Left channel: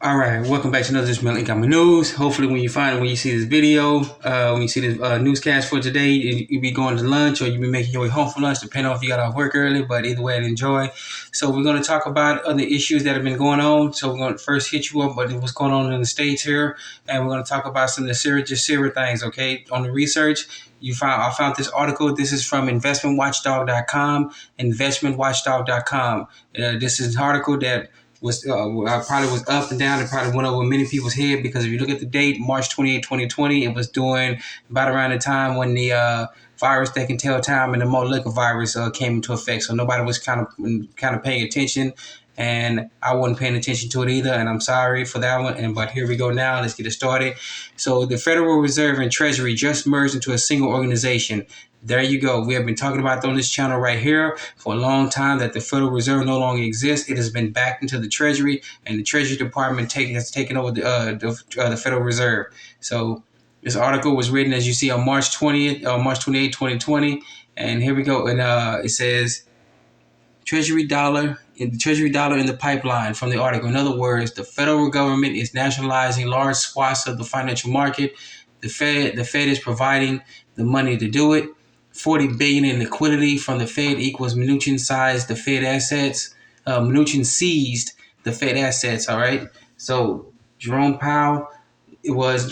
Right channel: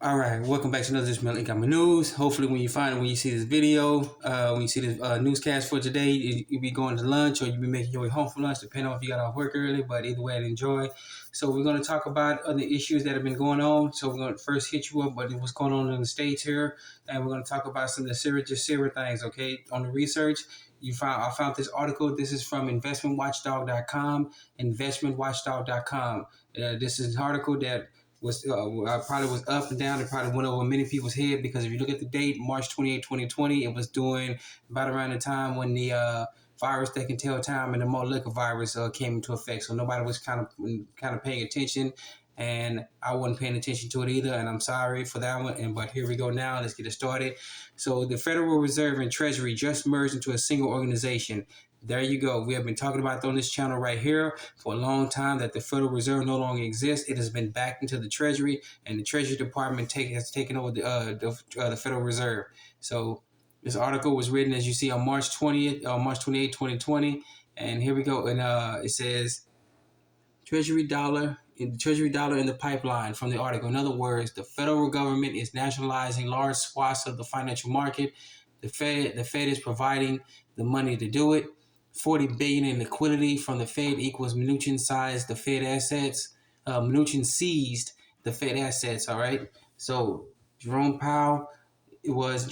All right, welcome back to another Just Income News. Hopefully, when you see this video, when you see this newscast for today, you be going to lunch or you be making your way home for lunch, depending on if you got off work early. But either way, enjoy. So we're going to talk about other issues that have been going on. So we're going to first hit you up with what's going on in the States here, and we're going to talk about some of the GESARA things. Okay, on the research. I found this article. This is from investmentwatchdog.com, investmentwatchdog.com. This is an article that probably was up and down. It probably went over many people's head because if you look at the date, March 28, 2020, it was doing about around the time when the virus that can tell time and the Moleka virus came into effect. So nobody was kind of paying attention, and I wasn't paying attention to it either. And I'm sorry for that one. But here we go now. Let's get it started. So the Federal Reserve and Treasury just merged into a single organization. There you go. We have been talking about on this channel right here for a long time that the Federal Reserve no longer exists. It has been backed into the Treasury, and the Treasury Department has taken over the Federal Reserve. So this article was written, as you see, on March 28, 2020. And here we go. And it says, Treasury dollar in the pipeline from the article. In other words, the federal government is nationalizing large swaths of the financial market. The Fed is providing the money to do it. $40 billion in liquidity from the Fed equals Mnuchin seized the Fed assets. Mnuchin seized the Fed assets. All right. So Jerome Powell was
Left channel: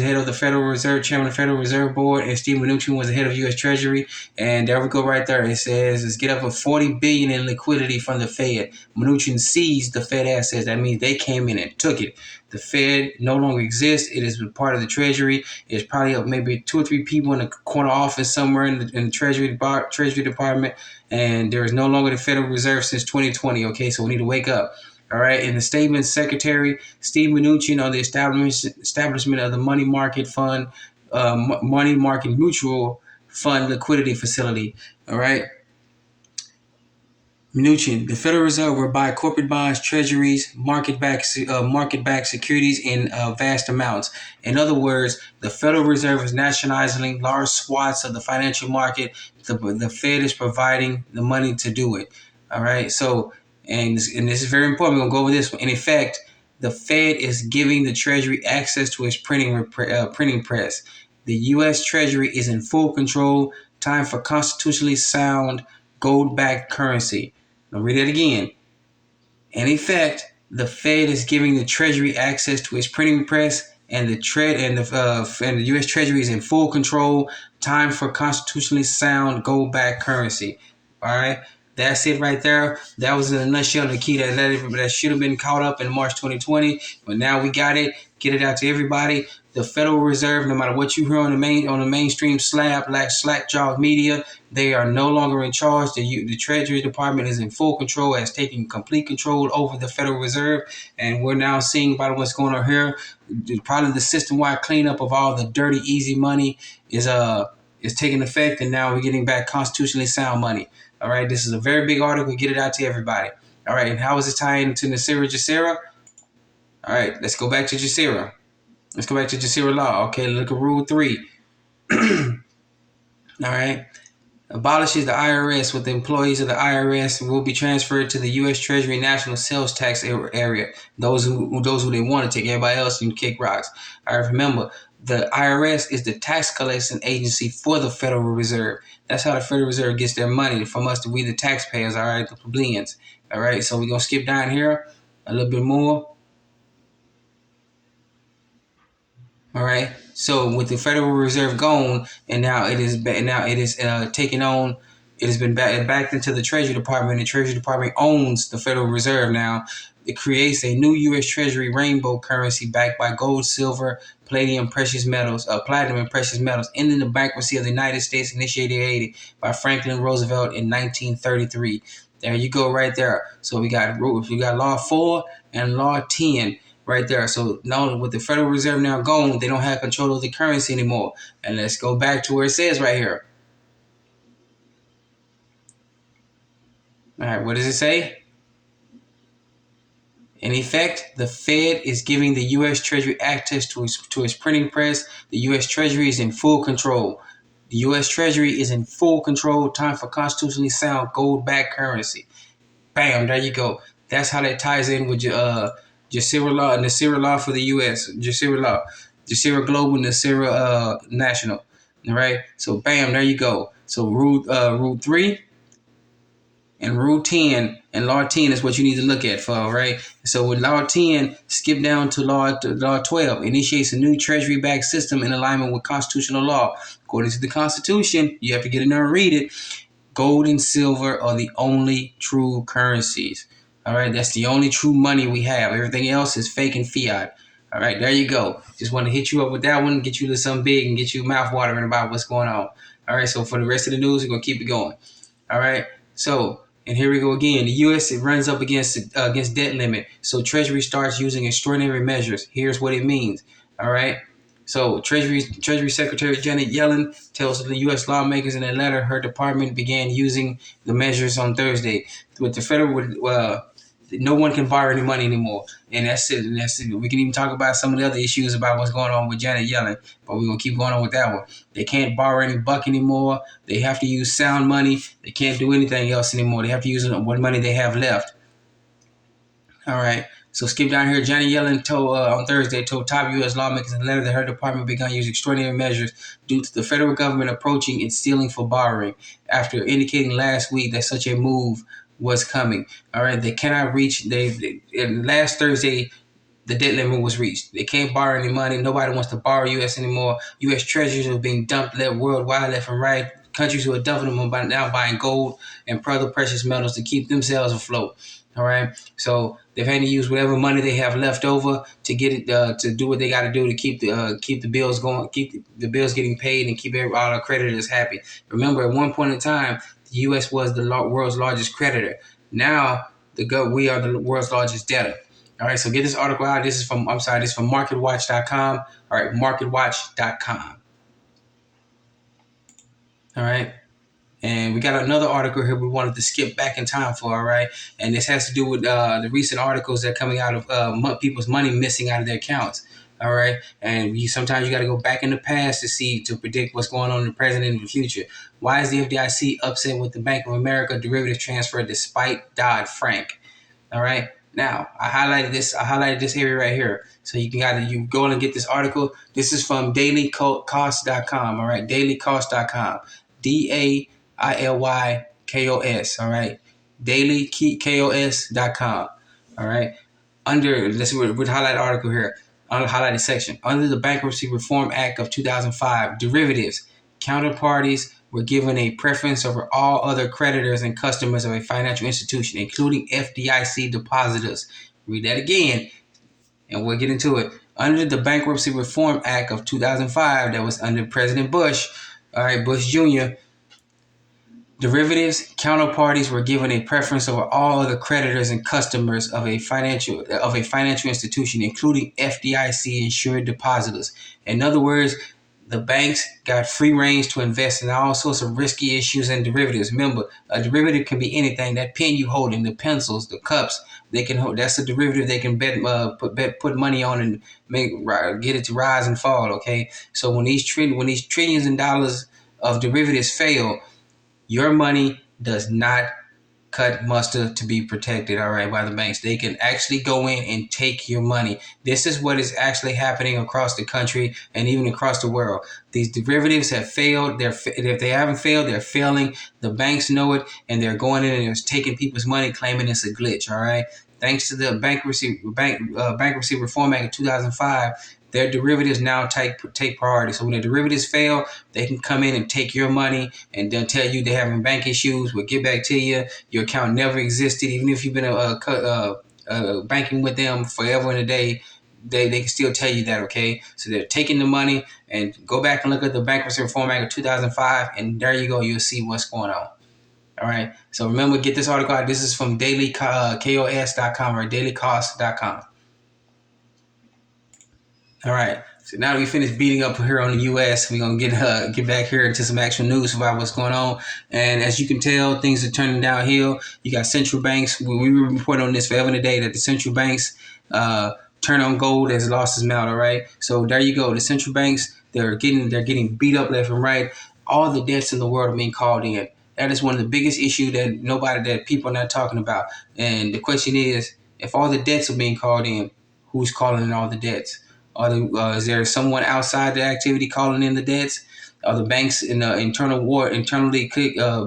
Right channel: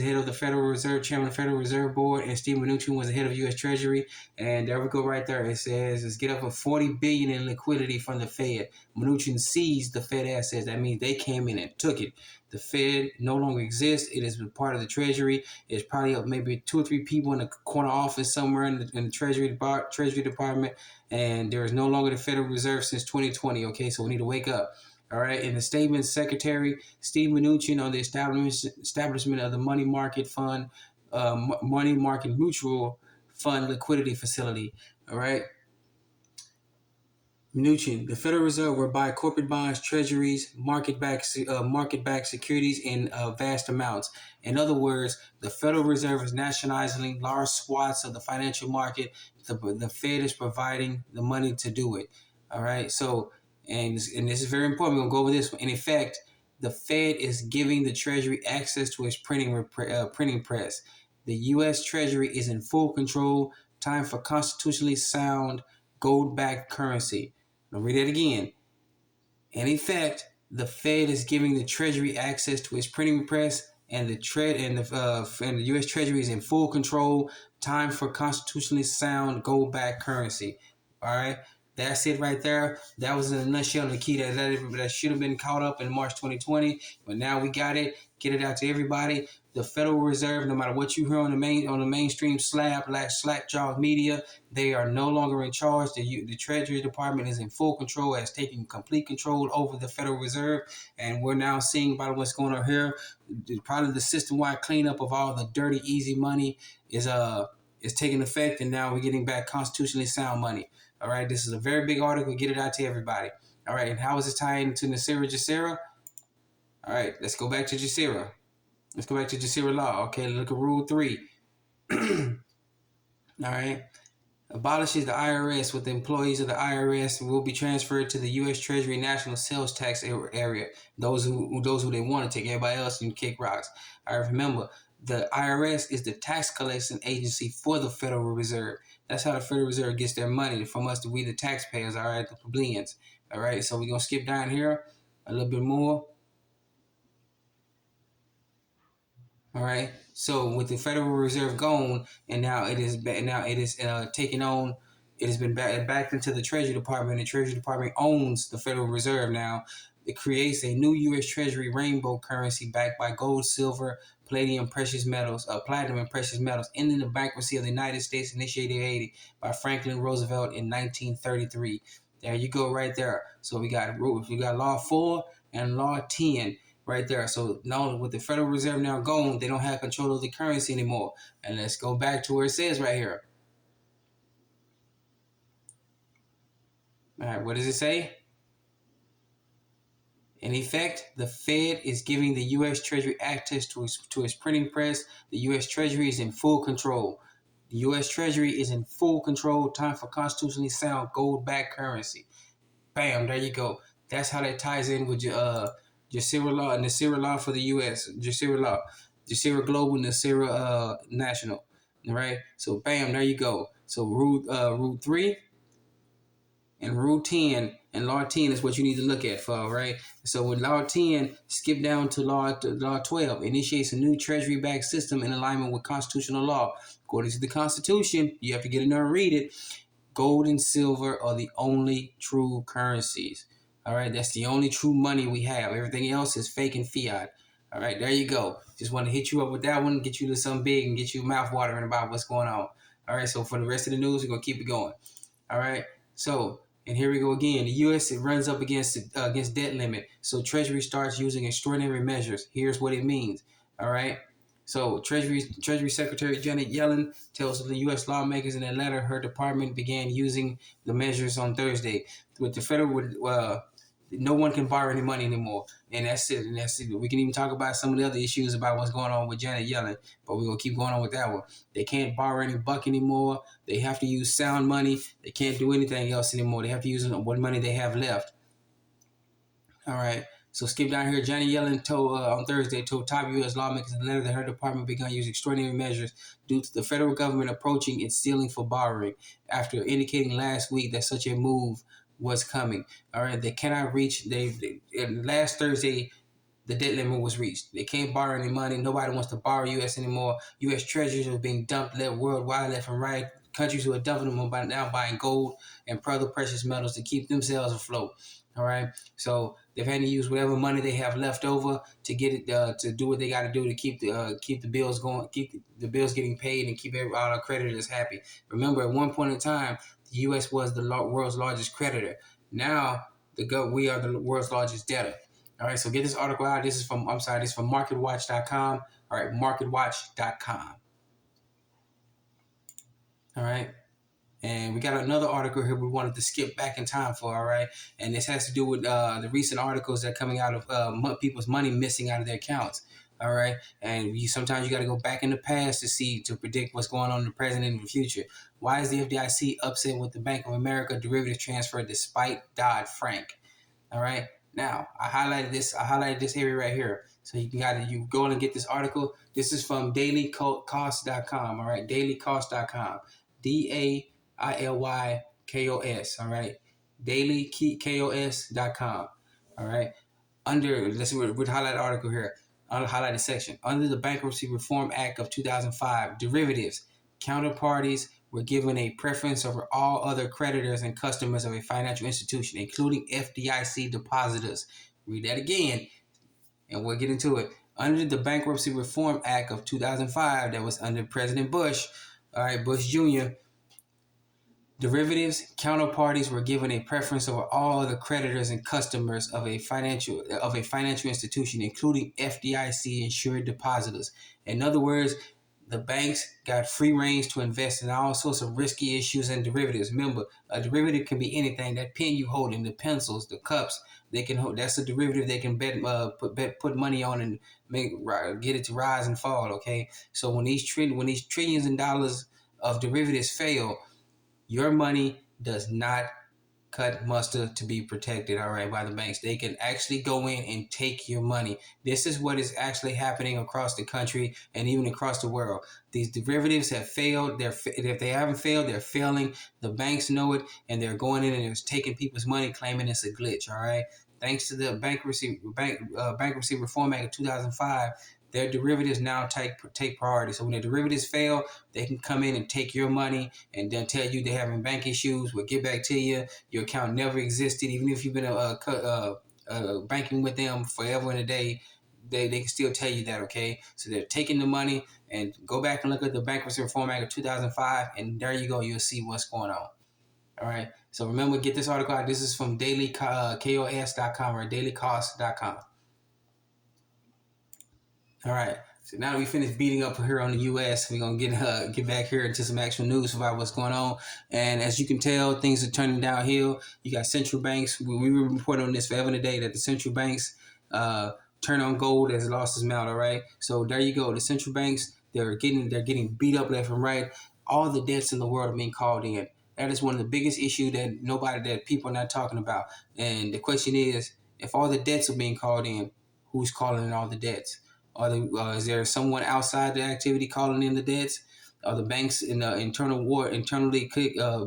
head of the Federal Reserve, chairman of the Federal Reserve Board, and Steve Mnuchin was the head of U.S. Treasury. And there we go right there. It says, let's get up with $40 billion in liquidity from the Fed. Mnuchin seized the Fed assets. That means they came in and took it. The Fed no longer exists. It is part of the Treasury. It's probably maybe 2 or 3 people in a corner office somewhere in the Treasury Department. And there is no longer the Federal Reserve since 2020. Okay, so we need to wake up. All right. In the statement, Secretary Steve Mnuchin on the establishment of the money market fund, money market mutual fund liquidity facility. All right. Mnuchin, the Federal Reserve will buy corporate bonds, treasuries, market-backed securities in vast amounts. In other words, the Federal Reserve is nationalizing large swaths of the financial market. The Fed is providing the money to do it. All right. So, and this is very important. We're going to go over this one. In effect, the Fed is giving the Treasury access to its printing press. The U.S. Treasury is in full control. Time for constitutionally sound gold-backed currency. I'll read it again. In effect, the Fed is giving the Treasury access to its printing press, and the U.S. Treasury is in full control. Time for constitutionally sound gold-backed currency. All right, that's it right there. That was in a nutshell the key that should have been caught up in March 2020, but now we got it. Get it out to everybody. The Federal Reserve, no matter what you hear on the mainstream slack-jawed media, they are no longer in charge. The Treasury Department is in full control, has taken complete control over the Federal Reserve, and we're now seeing about what's going on here. Probably the system-wide cleanup of all the dirty, easy money is taking effect, and now we're getting back constitutionally sound money. All right, this is a very big article. Get it out to everybody. All right, and how is it tying into GESARA? All right, let's go back to GESARA. Let's go back to GESARA Law. Okay, look at Rule 3. All right. Abolishes the IRS, with the employees of the IRS will be transferred to the U.S. Treasury National Sales Tax area. Those who they want to take, everybody else can kick rocks. All right, remember, the IRS is the tax collection agency for the Federal Reserve. That's how the Federal Reserve gets their money from us, we the taxpayers, all right, the plebeians. All right, so we're going to skip down here a little bit more. All right. So with the Federal Reserve gone, and now it is taking on. It has been backed into the Treasury Department. The Treasury Department owns the Federal Reserve now. It creates a new U.S. Treasury rainbow currency backed by gold, silver, platinum, and precious metals, ending the bankruptcy of the United States initiated by Franklin Roosevelt in 1933. There you go, right there. So we got Law 4 and Law 10. Right there. So now with the Federal Reserve now gone, they don't have control of the currency anymore. And let's go back to where it says right here. All right, what does it say? In effect, the Fed is giving the U.S. Treasury access to its printing press. The U.S. Treasury is in full control. The U.S. Treasury is in full control. Time for constitutionally sound gold-backed currency. Bam, there you go. That's how that ties in with GESARA Law, NESARA Law for the U.S. GESARA Law, GESARA Global, NESARA National. All right. So bam, there you go. So rule 3 and rule 10 and law 10 is what you need to look at for. All right. So with law 10, skip down to law 12. Initiates a new treasury-backed system in alignment with constitutional law. According to the Constitution, you have to get in there and read it. Gold and silver are the only true currencies. All right, that's the only true money we have. Everything else is fake and fiat. All right, there you go. Just want to hit you up with that one, get you to something big, and get you mouth watering about what's going on. All right, so for the rest of the news, we're gonna keep it going. All right, so and here we go again. The U.S. it runs up against debt limit, so Treasury starts using extraordinary measures. Here's what it means. All right. So Treasury Secretary Janet Yellen tells the U.S. lawmakers in a letter her department began using the measures on Thursday. With the federal, no one can borrow any money anymore, and that's it. And that's it. We can even talk about some of the other issues about what's going on with Janet Yellen, but we're gonna keep going on with that one. They can't borrow any buck anymore. They have to use sound money. They can't do anything else anymore. They have to use what money they have left. All right. So skip down here. Janet Yellen told on Thursday told top U.S. lawmakers in a letter that her department began using extraordinary measures due to the federal government approaching its ceiling for borrowing, after indicating last week that such a move was coming. All right, they cannot reach. Last Thursday, the debt limit was reached. They can't borrow any money. Nobody wants to borrow U.S. anymore. U.S. treasuries are being dumped worldwide, left and right. Countries who are dumping them are now buying gold and other precious metals to keep themselves afloat. All right, so they've had to use whatever money they have left over to get it to do what they got to do to keep the bills going, keep the bills getting paid, and keep all our creditors happy. Remember, at one point in time, the U.S. was the world's largest creditor. Now, we are the world's largest debtor. All right, so get this article out. This is from MarketWatch.com. All right, MarketWatch.com. All right. And we got another article here we wanted to skip back in time for, all right? And this has to do with the recent articles that are coming out of people's money missing out of their accounts, all right? And sometimes you got to go back in the past to predict what's going on in the present and in the future. Why is the FDIC upset with the Bank of America derivative transfer despite Dodd-Frank? All right? Now, I highlighted this area right here. So you go in and get this article. This is from dailycost.com, all right? Dailycost.com. DAILYKOS, all right? DailyKOS.com, all right? Let's highlight article here, on the highlighted section. Under the Bankruptcy Reform Act of 2005, derivatives, counterparties were given a preference over all other creditors and customers of a financial institution, including FDIC depositors. Read that again, and we'll get into it. Under the Bankruptcy Reform Act of 2005, that was under President Bush, all right, Bush Jr., derivatives counterparties were given a preference over all other creditors and customers of a financial institution, including FDIC insured depositors. In other words, the banks got free range to invest in all sorts of risky issues and derivatives. Remember, a derivative can be anything. That pen you holding, the pencils, the cups, they can hold. That's a derivative. They can put money on and get it to rise and fall. Okay, so when these trillions in dollars of derivatives fail, your money does not cut mustard to be protected, all right, by the banks. They can actually go in and take your money. This is what is actually happening across the country and even across the world. These derivatives have failed. If they haven't failed, they're failing. The banks know it, and they're going in and they're taking people's money, claiming it's a glitch, all right? Thanks to the Bankruptcy Reform Act of 2005, their derivatives now take priority. So when the derivatives fail, they can come in and take your money and then tell you they're having bank issues. We'll get back to you. Your account never existed. Even if you've been banking with them forever and a day, they can still tell you that, okay? So they're taking the money, and go back and look at the Bankruptcy Reform Act of 2005, and there you go. You'll see what's going on. All right. So remember, get this article out. This is from dailycost.com or dailycost.com. All right, so now that we finished beating up here on the U.S., we're going to get back here into some actual news about what's going on. And as you can tell, things are turning downhill. You got central banks. We were reporting on this forever and a day that the central banks turn on gold as losses mount, all right? So there you go. The central banks, they're getting beat up left and right. All the debts in the world are being called in. That is one of the biggest issues that people are not talking about. And the question is, if all the debts are being called in, who's calling in all the debts. Is there someone outside the activity calling in the debts? Are the banks in the internal war, internally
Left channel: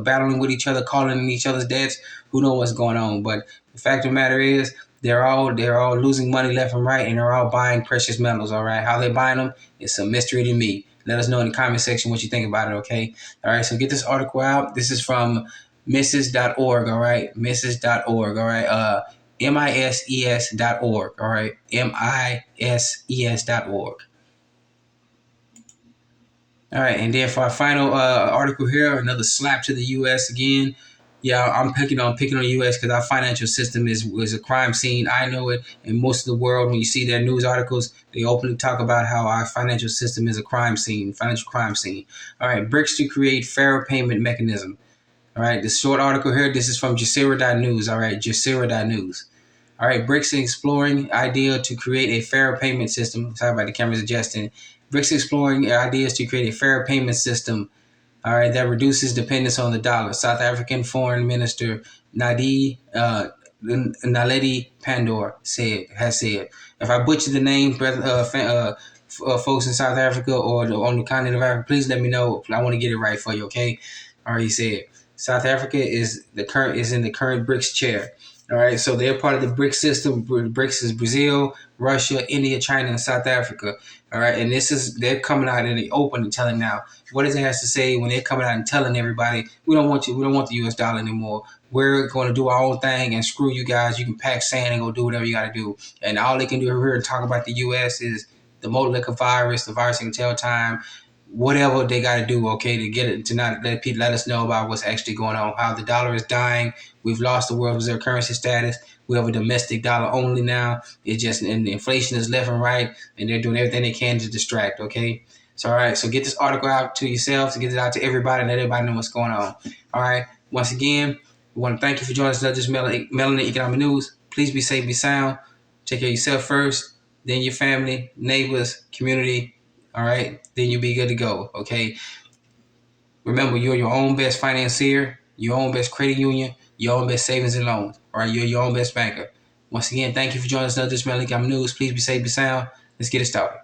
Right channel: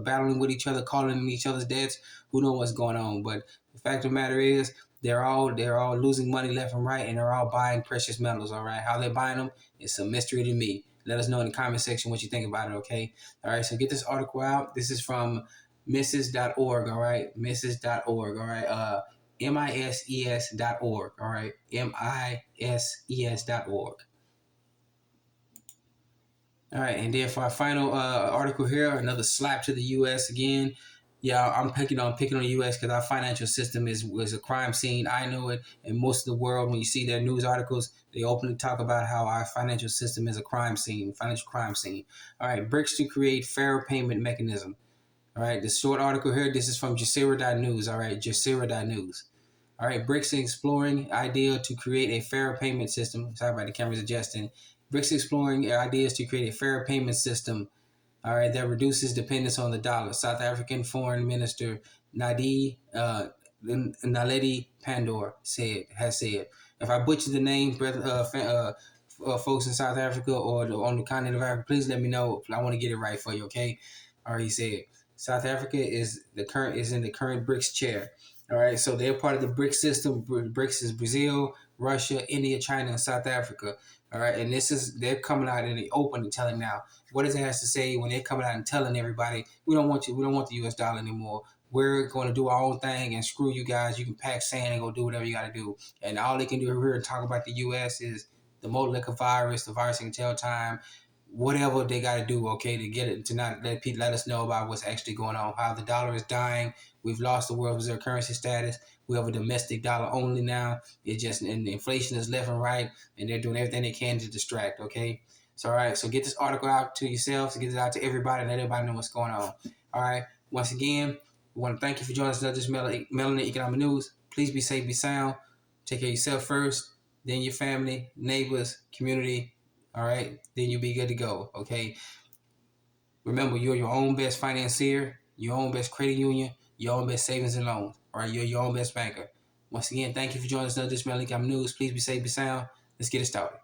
battling with each other, calling in each other's debts? Who knows what's going on? But the fact of the matter is, they're all losing money left and right, and they're all buying precious metals. All right, how they buying them? It's a mystery to me. Let us know in the comment section what you think about it. Okay. All right. So get this article out. This is from Mrs.org. All right, Mrs.org. All right. MISES.org. All right, MISES.org. All right, and then for our final article here, another slap to the U.S. again. Yeah, I'm picking on the U.S. because our financial system is a crime scene. I know it, and most of the world, when you see their news articles, they openly talk about how our financial system is a crime scene, financial crime scene. All right, BRICS to create fairer payment mechanism. All right, this short article here, this is from GESARA.news. All right, GESARA.news. All right, BRICS exploring idea to create a fairer payment system. Sorry about the camera's adjusting. BRICS exploring ideas to create a fairer payment system. All right, that reduces dependence on the dollar. South African Foreign Minister Naledi Pandor has said. If I butcher the name, folks in South Africa or on the continent of Africa, please let me know. I want to get it right for you. Okay. All right, he said South Africa is in the current BRICS chair. All right, so they're part of the BRICS system. BRICS is Brazil, Russia, India, China, and South Africa. All right, and they're coming out in the open and telling now. What does it have to say when they're coming out and telling everybody we don't want you, we don't want the U.S. dollar anymore. We're going to do our own thing and screw you guys. You can pack sand and go do whatever you got to do. And all they can do here and talk about the U.S. is the Moleka virus, the virus can tell time, whatever they got to do, okay, to get it, to not let people let us know about what's actually going on, how the dollar is dying. We've lost the world reserve currency status. We have a domestic dollar only now. It's just, and the inflation is left and right, and they're doing everything they can to distract, okay? So, all right, so get this article out to yourselves, get it out to everybody, and let everybody know what's going on. All right, once again, we want to thank you for joining us on this Melanin Economic News. Please be safe, be sound. Take care of yourself first, then your family, neighbors, community. All right, then you'll be good to go, okay? Remember, you're your own best financier, your own best credit union, your own best savings and loans. All right, you're your own best banker. Once again, thank you for joining us on this Melanin Economic News. Please be safe, be sound. Let's get it started.